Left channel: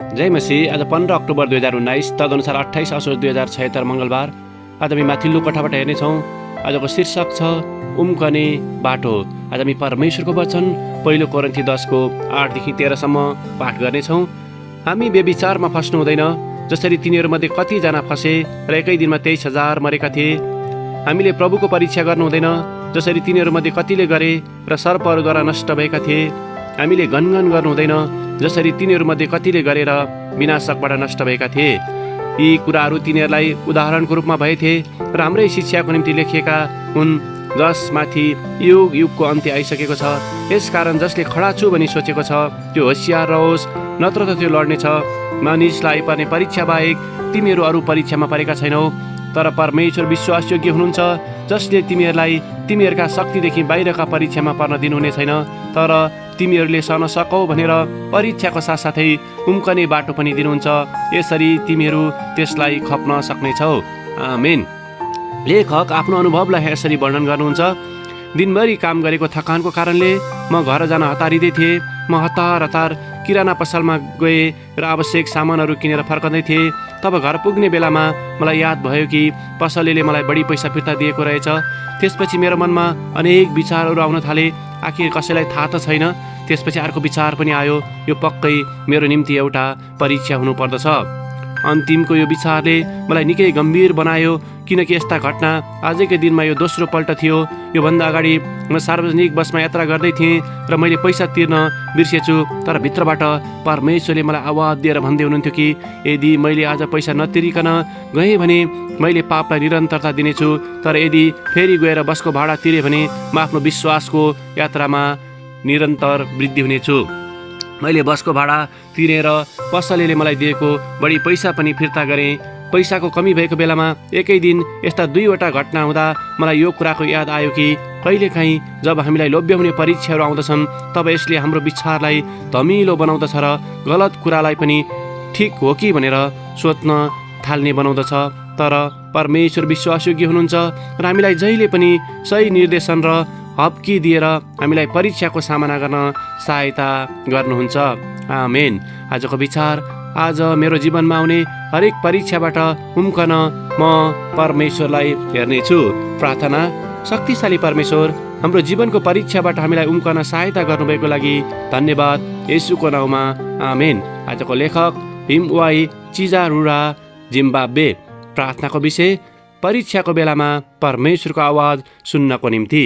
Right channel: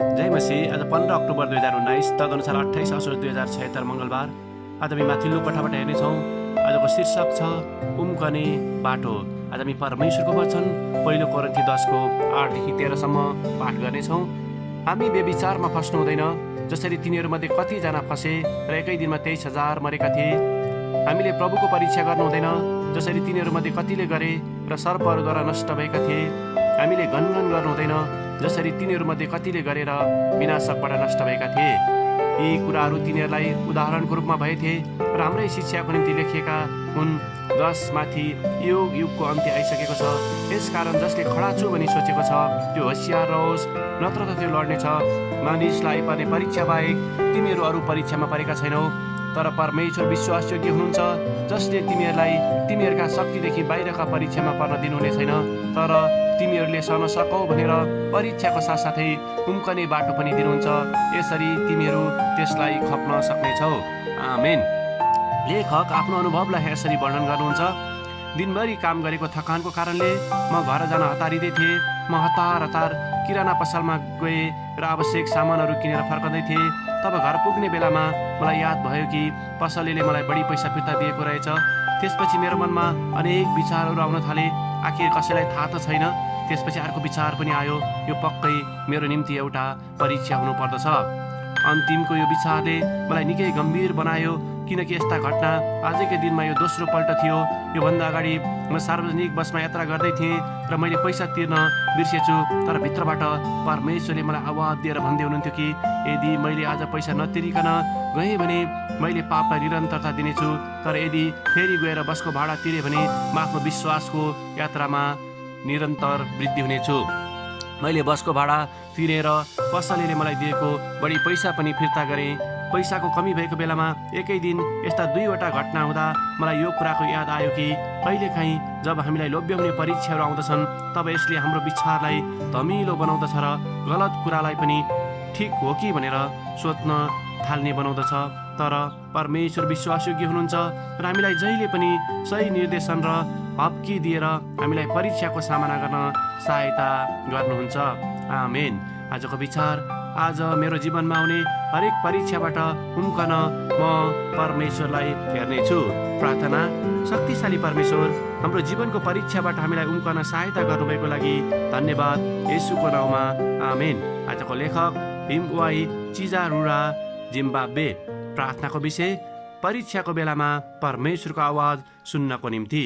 जय मसीह। आज 15 अक्टोबर 2019 तदनुसार 28 असोज 2076 मङ्गलबार। आज हामी माथिल्लो कोठाबाट हेर्नेछौँ। आजको शीर्षक छ उम्कने बाटो। आज हामी परमेश्वरको वचन 1 कोरिन्थी 10को 8देखि 13सम्म पाठ गर्नेछौँ। हामी व्यभिचारमा फस्नु हुँदैन, जसरी तिनीहरूमध्ये कतिजना फसे र एकै दिनमा 23,000 मरेका थिए। हामीले प्रभुको परीक्षा गर्नु हुँदैन, जसरी तिनीहरूमध्ये कतिले गरे र सर्पहरूद्वारा नष्ट भएका थिए। हामीले गनगन गर्नु हुँदैन, जसरी तिनीहरूमध्ये कतिले गरेर विनाशकबाट नष्ट भएका थिए। यी कुराहरू तिनीहरूलाई उदाहरणको रूपमा भएथे र हाम्रै शिक्षाको निम्ति लेखिएका हुन्, जसमाथि युग युगको अन्त्य आइसकेको छ। यसकारण जसले खडा छु भनी सोचेको छ त्यो होसियार रहोस्, नत्र त त्यो लड्नेछ। मानिसलाई पर्ने परीक्षा बाहेक तिमीहरू अरू परीक्षामा परेका छैनौ, तर परमेश्वर विश्वासयोग्य हुनुहुन्छ, जसले तिमीहरूलाई तिमीहरूका शक्तिदेखि बाहिरका परीक्षामा पर्न दिनुहुने छैन, तर तिमीहरूले सहन सकौ भनेर परीक्षाको साथसाथै उम्कने बाटो पनि दिनुहुन्छ। यसरी तिमीहरू त्यसलाई खप्न सक्नेछौ। आमेन। लेखक आफ्नो अनुभवलाई यसरी वर्णन गर्नुहुन्छ। दिनभरि काम गरेको थकानको कारणले म घर जान हतारिँदै थिएँ। म हतार किराना पसलमा गएँ र आवश्यक सामानहरू किनेर फर्कँदै थिएँ। तब घर पुग्ने बेलामा मलाई याद भयो कि पसलेले मलाई बढी पैसा फिर्ता दिएको रहेछ। त्यसपछि मेरो मनमा अनेक विचारहरू आउन थाले। आखिर कसैलाई थाहा त छैन। त्यसपछि अर्को विचार पनि आयो, यो पक्कै मेरो निम्ति एउटा परीक्षा हुनुपर्दछ। अन्तिमको यो विचारले मलाई निकै गम्भीर बनायो, किनकि यस्ता घटना आजकै दिनमा यो दोस्रो पल्ट थियो। योभन्दा अगाडि म सार्वजनिक बसमा यात्रा गर्दै थिएँ र मैले पैसा तिर्न बिर्सेछु, तर भित्रबाट परमेश्वरले मलाई आवाज दिएर भन्दै हुनुहुन्थ्यो कि यदि मैले आज पैसा नतिरिकन गएँ भने मैले पापलाई निरन्तरता दिनेछु, तर यदि फेरि गएर बसको भाडा तिरेँ भने म आफ्नो विश्वासको यात्रामा निरन्तर वृद्धि हुनेछु। मैले बसको भाडा तिरेर पसलेले मलाई दिएको बढी पैसा पनि फिर्ता गरेँ। पैसाको कमी भएको बेलामा एकै दिन यस्ता 2वटा घटना हुँदा मलाई यो कुराको याद आयो कि कहिलेकाहीँ जब हामीलाई लोभ्याउने परीक्षाहरू आउँदछन्, तब यसले हाम्रो विचारलाई धमिलो बनाउँदछ र गलत कुरालाई पनि ठिक हो कि भनेर सोच्न थाल्ने बनाउँदछ। तर परमेश्वर विश्वासयोग्य हुनुहुन्छ र हामीलाई जहिले पनि सही निर्देशन र हप्की दिएर हामीलाई परीक्षाको सामना गर्न सहायता गर्नुहुन्छ। आमेन। आजको विचार, आज मेरो जीवनमा आउने हरेक परीक्षाबाट उम्कन म परमेश्वरलाई हेर्नेछु। प्रार्थना। शक्तिशाली परमेश्वर, हाम्रो जीवनको परीक्षाबाट हामीलाई उम्कन सहायता गर्नुभएको लागि धन्यवाद, येशूको नाउँमा। आमेन। आजको लेखक हिमवाई चिजारुरा, जिम्बाब्वे। प्रार्थनाको विषय, परीक्षाको बेलामा परमेश्वरको आवाज सुन्नको निम्ति।